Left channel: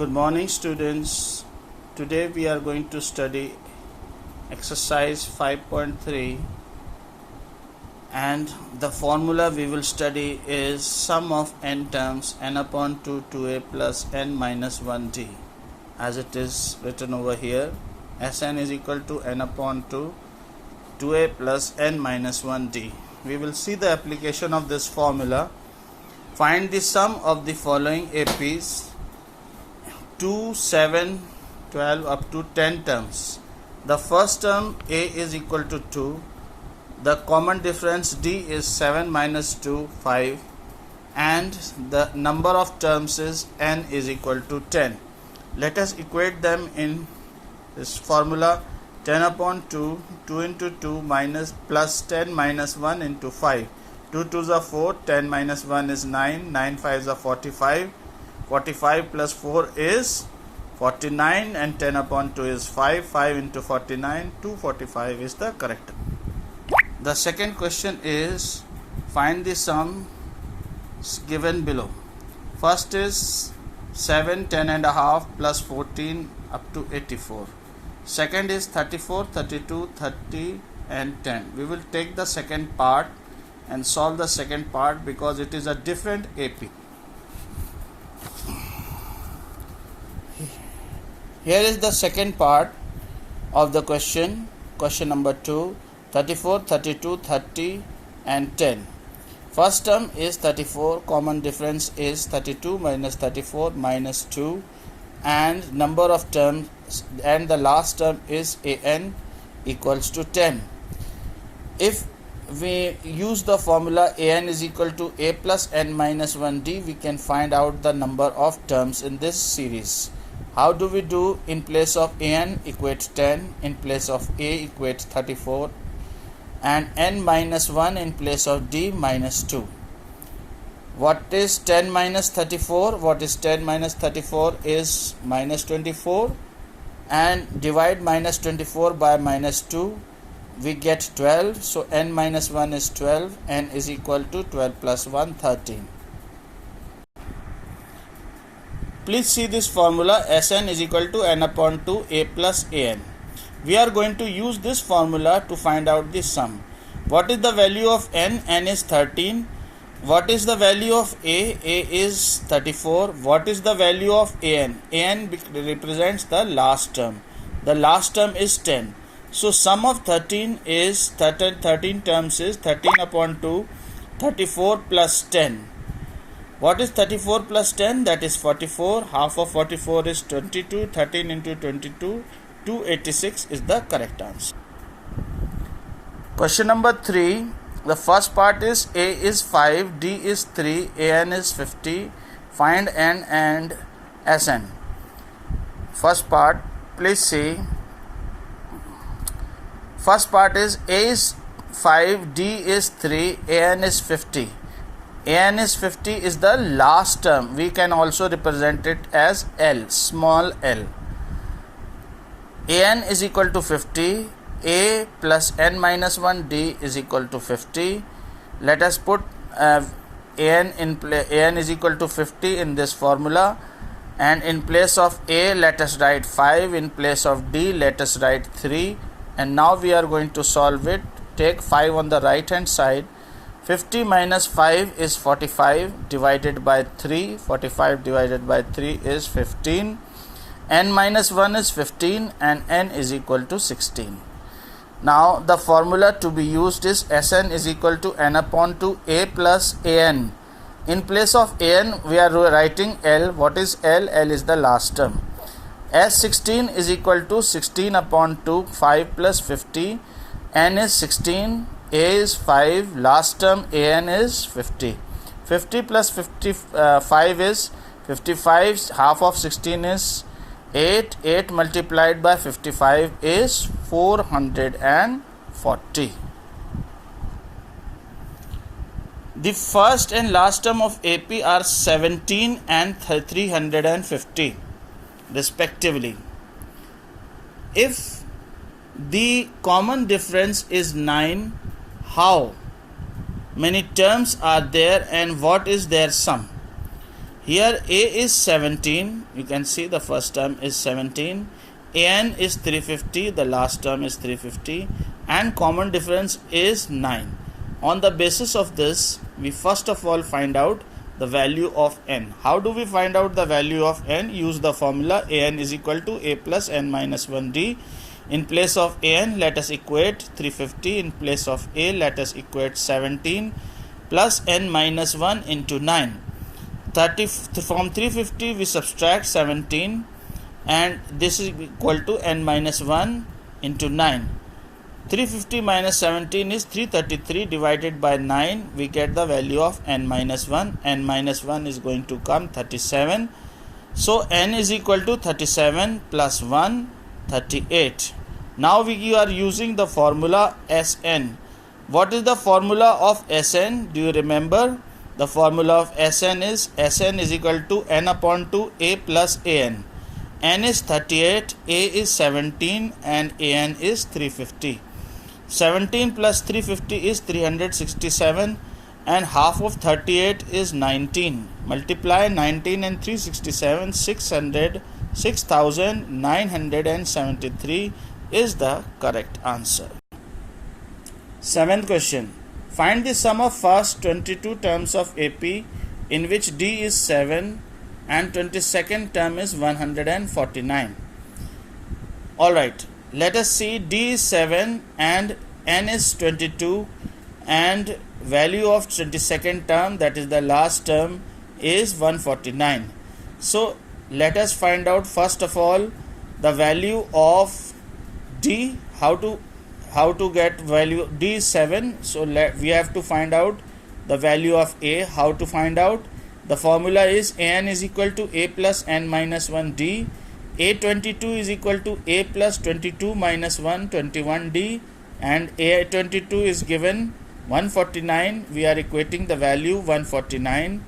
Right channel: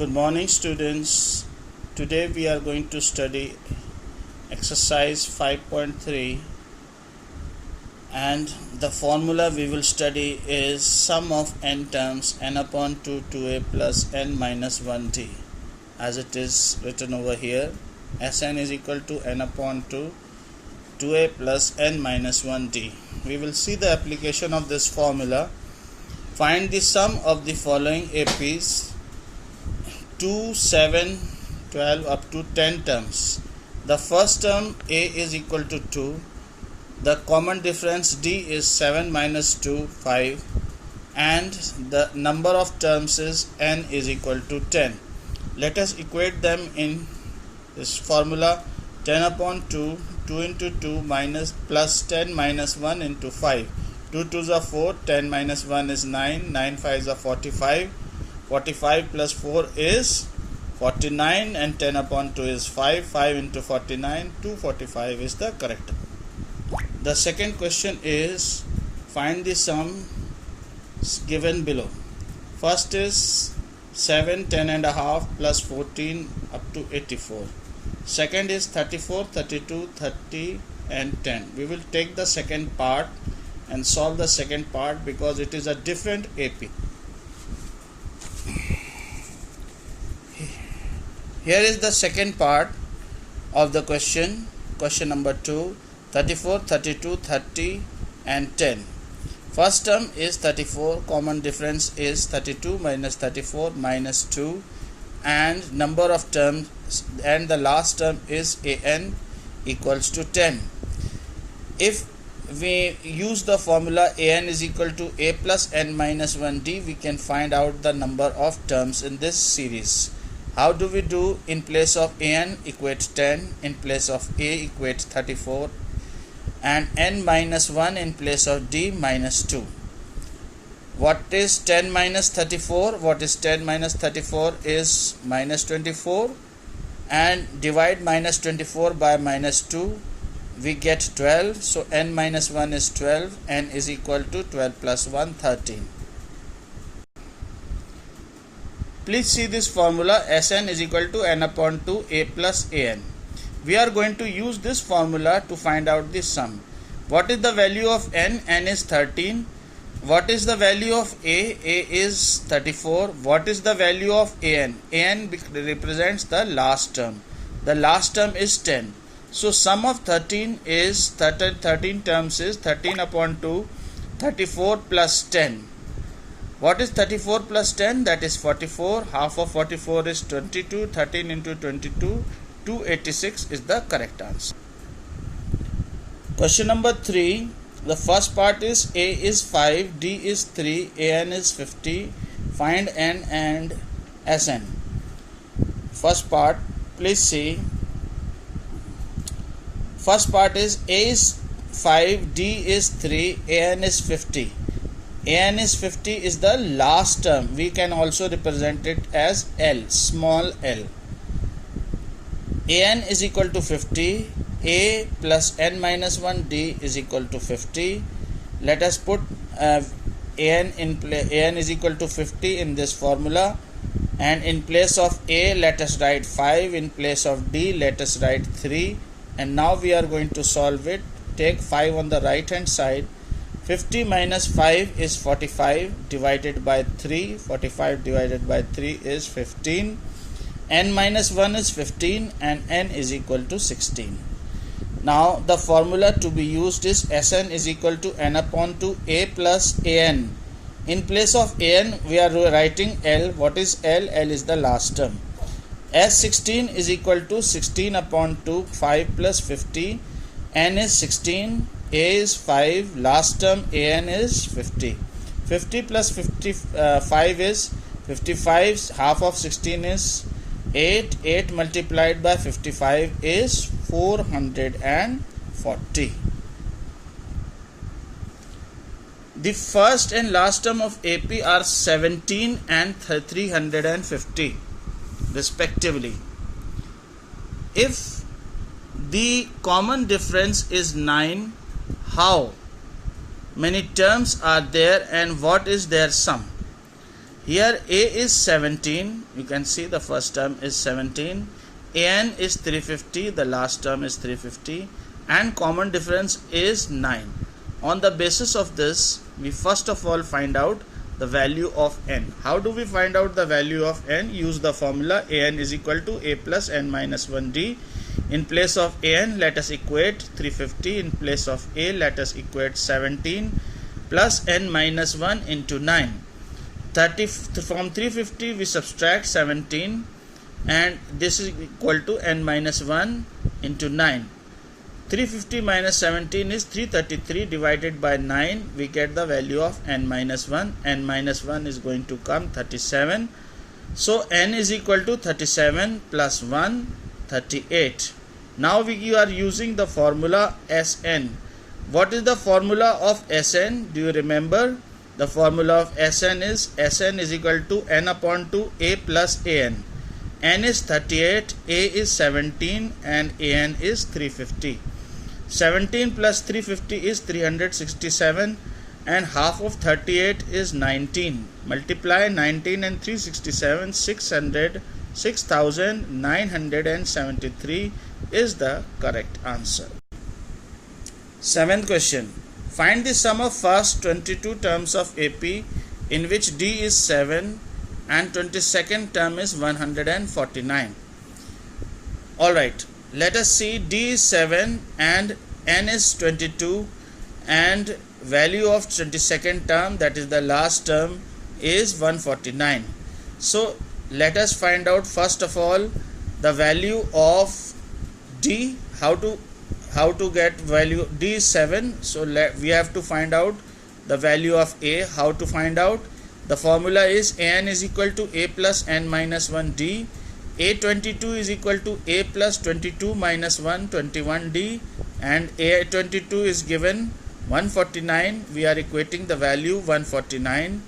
Good morning, students. Today we are going to study exercise 5.3, and the formula we will study is sum of n terms n upon 2 2a plus n minus 1d, as it is written over here. Sn is equal to n upon 2 2a plus n minus 1d. We will see the application of this formula. Find the sum of the following APs: 2, 7, 12 up to 10 terms. The first term a is equal to 2. The common difference d is 7 minus 2, 5, and the number of terms is n is equal to 10. Let us equate them in this formula. 10 upon 2, 2 into 2 minus plus 10 minus 1 into 5. 2 2s are 4, 10 minus 1 is 9, 9 5s are 45. 45 plus 4 is 49, and 10 upon 2 is 5. 5 into 49, 245 is the correct. The second question is find the sum given below. First is 7, 10 and a half plus 14 up to 84. Second is 34, 32, 30 and 10. We will take the second part and solve the second part because it is a different AP. Here is the second part of the question number 2, 34, 32, 30 and 10. First term is 34, common difference is 32 minus 34 minus 2, and number of terms, and the last term is an equals to 10. If we use the formula an is equal to a plus n minus 1d, we can find out the number of terms in this series. How do we do? In place of an equates 10, in place of a equates 34, and n minus 1 in place of d minus 2. What is 10 minus 34? What is 10 minus 34 is minus 24, and divide minus 24 by minus 2, we get 12. So n minus 1 is 12, n is equal to 12 plus 1, 13. Please see this formula. Sn is equal to n upon 2 a plus an. We are going to use this formula to find out the sum. What is the value of n? N is 13. What is the value of a? A is 34. What is the value of an? An represents the last term. The last term is 10. So sum of 13 is 13 terms is 13 upon 2, 34 plus 10. What is 34 plus 10? That is 44. Half of 44 is 22. 13 into 22, 286 is the correct answer. Question number 3. The first part is a is 5, d is 3, an is 50. Find n and Sn. First part, please see. First part is a is 5, d is 3, an is 50. An is 50 is the last term. We can also represent it as L, small l. An is equal to 50. A plus n minus 1 d is equal to 50. Let us put an is equal to 50 in this formula, and in place of a let us write 5, in place of d let us write 3, and now we are going to solve it. Take 5 on the right hand side. 50 minus 5 is 45 divided by 3. 45 divided by 3 is 15. N minus 1 is 15 and n is equal to 16. Now the formula to be used is Sn is equal to n upon 2 a plus an. In place of an we are writing L. What is L? L is the last term. S16 is equal to 16 upon 2, 5 plus 50. N is 16, a is 5, last term an is 50. 50 plus 55 is 55. Half of 16 is 8. 8 multiplied by 55 is 440. The first and last term of AP are 17 and 350 respectively. If the common difference is 9, how many terms are there and what is their sum? Here A is 17, you can see the first term is 17, An is 350, the last term is 350, and common difference is 9. On the basis of this, we first of all find out the value of n. How do we find out the value of n? Use the formula An is equal to A plus n minus 1d. In place of An, let us equate 350. In place of A, let us equate 17 plus n minus 1 into 9. From 350 we subtract 17, and this is equal to n minus 1 into 9. 350 minus 17 is 333, divided by 9 we get the value of n minus 1. N minus 1 is going to come 37. So n is equal to 37 plus 1, 38. Now we are using the formula Sn. What is the formula of Sn? Do you remember? The formula of Sn is equal to n upon 2 A plus An. N is 38, A is 17, and An is 350. 17 plus 350 is 367, and half of 38 is 19. Multiply 19 and 367, 6,973 is the correct answer. Seventh question. Find the sum of first 22 terms of AP in which D is 7 and 22nd term is 149. Alright, let us see. D is 7 and N is 22, and value of 22nd term, that is the last term, is 149. So let us find out first of all the value of D. How to get value? D is 7, so we have to find out the value of A. How to find out? The formula is An is equal to A plus n minus 1 D. A22 is equal to A plus 22 minus 1, 21D, and A22 is given 149. We are equating the value 149.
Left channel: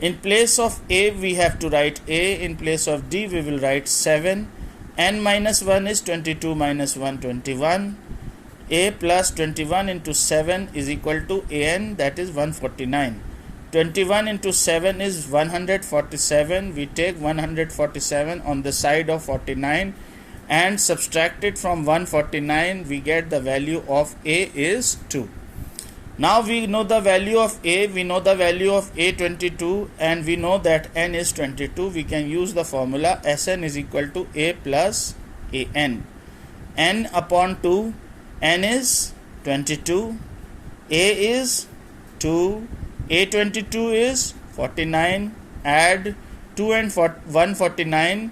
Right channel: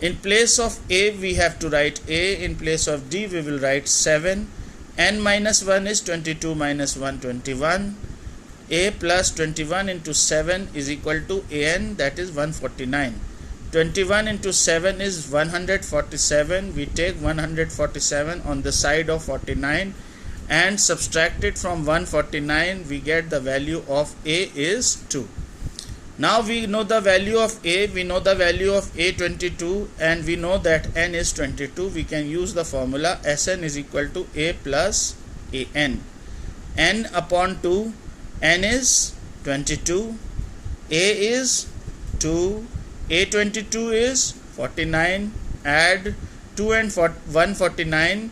In place of A we have to write A, in place of D we will write 7. N minus 1 is 22 minus 1, 21. A plus 21 into 7 is equal to An, that is 149. 21 into 7 is 147. We take 147 on the side of 49 and subtract it from 149. We get the value of A is 2. Now we know the value of A, we know the value of A22, and we know that N is 22. We can use the formula Sn is equal to A plus An. N upon 2, N is 22, A is 2, A22 is 49, add 2 and 149,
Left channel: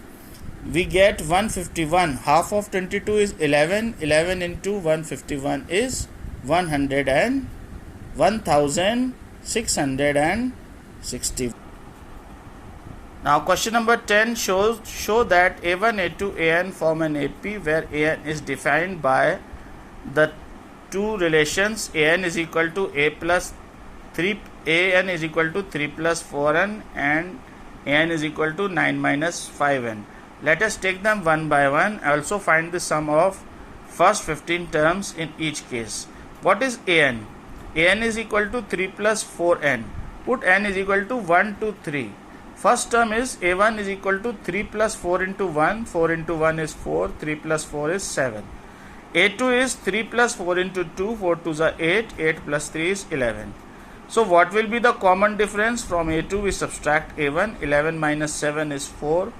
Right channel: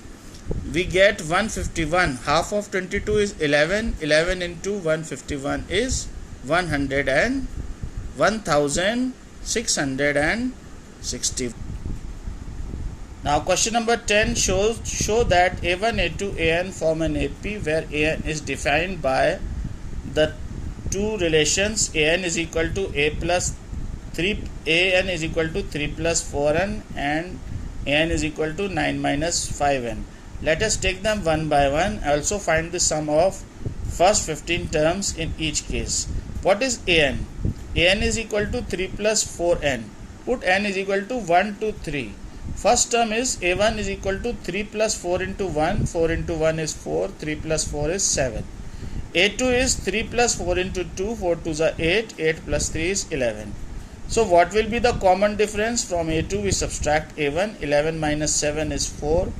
we get 151. Half of 22 is 11, 11 into 151 is 1660. Now question number 10 show that A1, A2, An form an AP where An is defined by the two relations An is equal to A plus 3, An is equal to 3 plus 4n, and An is equal to 9 minus 5n. Let us take them one by one. Also find the sum of first 15 terms in each case. What is An? An is equal to 3 plus 4n. Put n is equal to 1 to 3. First term is A1 is equal to 3 plus 4 into 1. 4 into 1 is 4. 3 plus 4 is 7. A2 is 3 plus 4 into 2. 4 2 is 8. 8 plus 3 is 11. So what will be the common difference? From A2 we subtract A1. 11 minus 7 is 4.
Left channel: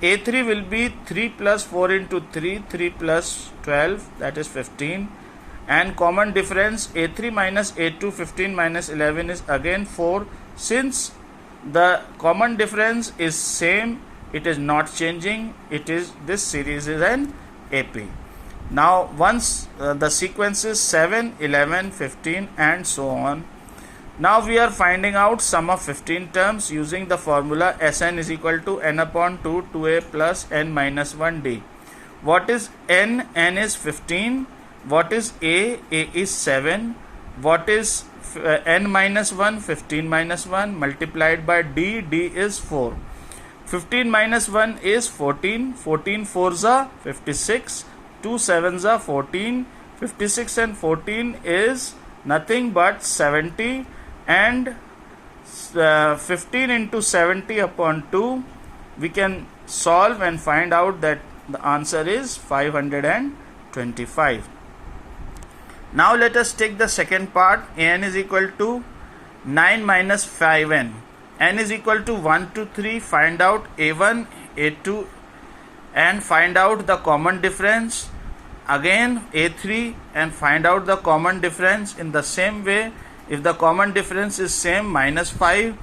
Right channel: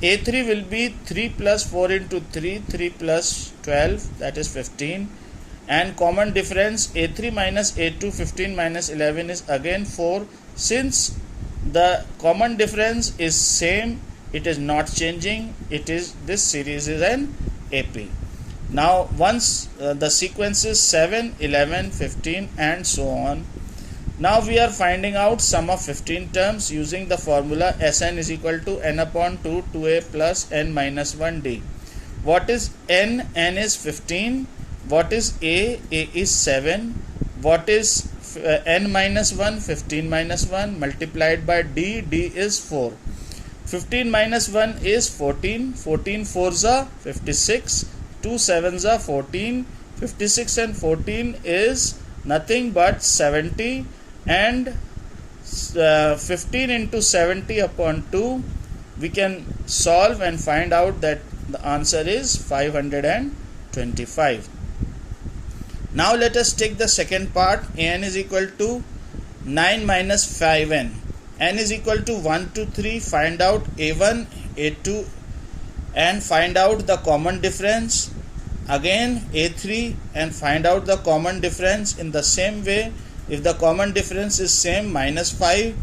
A3 will be 3 plus 4 into 3. 3 plus 12, that is 15. And common difference A3 minus A2, 15 minus 11 is again 4. Since the common difference is same, it is not changing. It is, this series is an AP. Now once the sequence is 7, 11, 15 and so on. Now we are finding out sum of 15 terms using the formula Sn is equal to n upon 2 2a plus n minus 1d. What is n? N is 15. What is a? A is 7. What is n minus 1? 15 minus 1 multiplied by d. D is 4. 15 minus 1 is 14. 14 4s are 56. 2 7s are 14. 56 and 14 is nothing but 70. And 15 into 70 upon 2, we can solve and find out that the answer is 525. Now let us take the second part. An is equal to 9 minus 5n. N is equal to 1 to 3. Find out a1, a2 and find out the common difference. Again a3 and find out the common difference. In the same way, if the common difference is same, minus 5,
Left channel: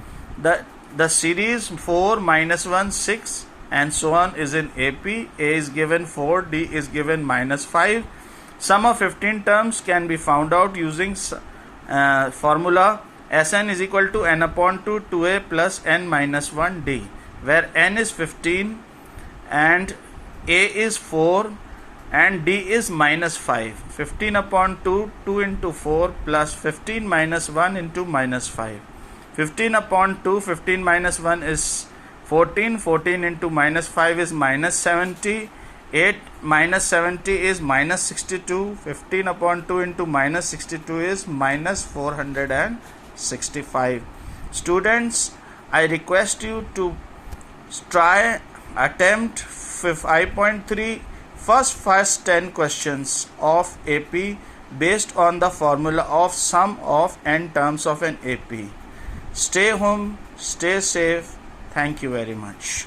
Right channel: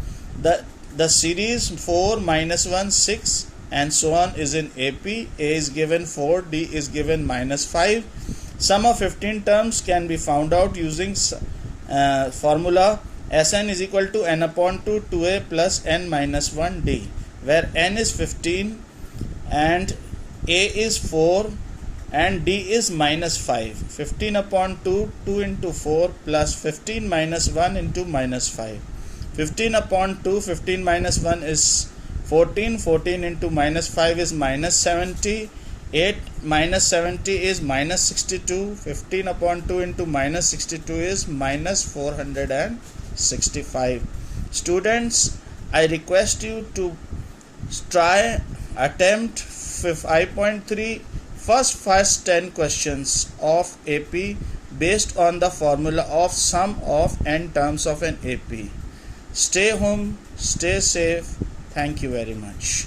the series 4 minus 1 6 and so on is in AP. A is given 4, D is given minus 5. Sum of 15 terms can be found out using formula Sn is equal to n upon 2 2a plus n minus 1 d, where n is 15 and a is 4 and d is minus 5. 15 upon 2, 2 into 4 plus 15 minus 1 into minus 5. 15 upon 2, 15 minus 1 is 14. 14 into minus 5 is minus 70. 8 minus 70 is minus 62. 15 upon 2 into minus 62 is minus 465. Students, I request you to attempt 5.3 first 10 questions of AP based on the formula of sum of n terms of an AP. Stay home, stay safe. Thank you very much.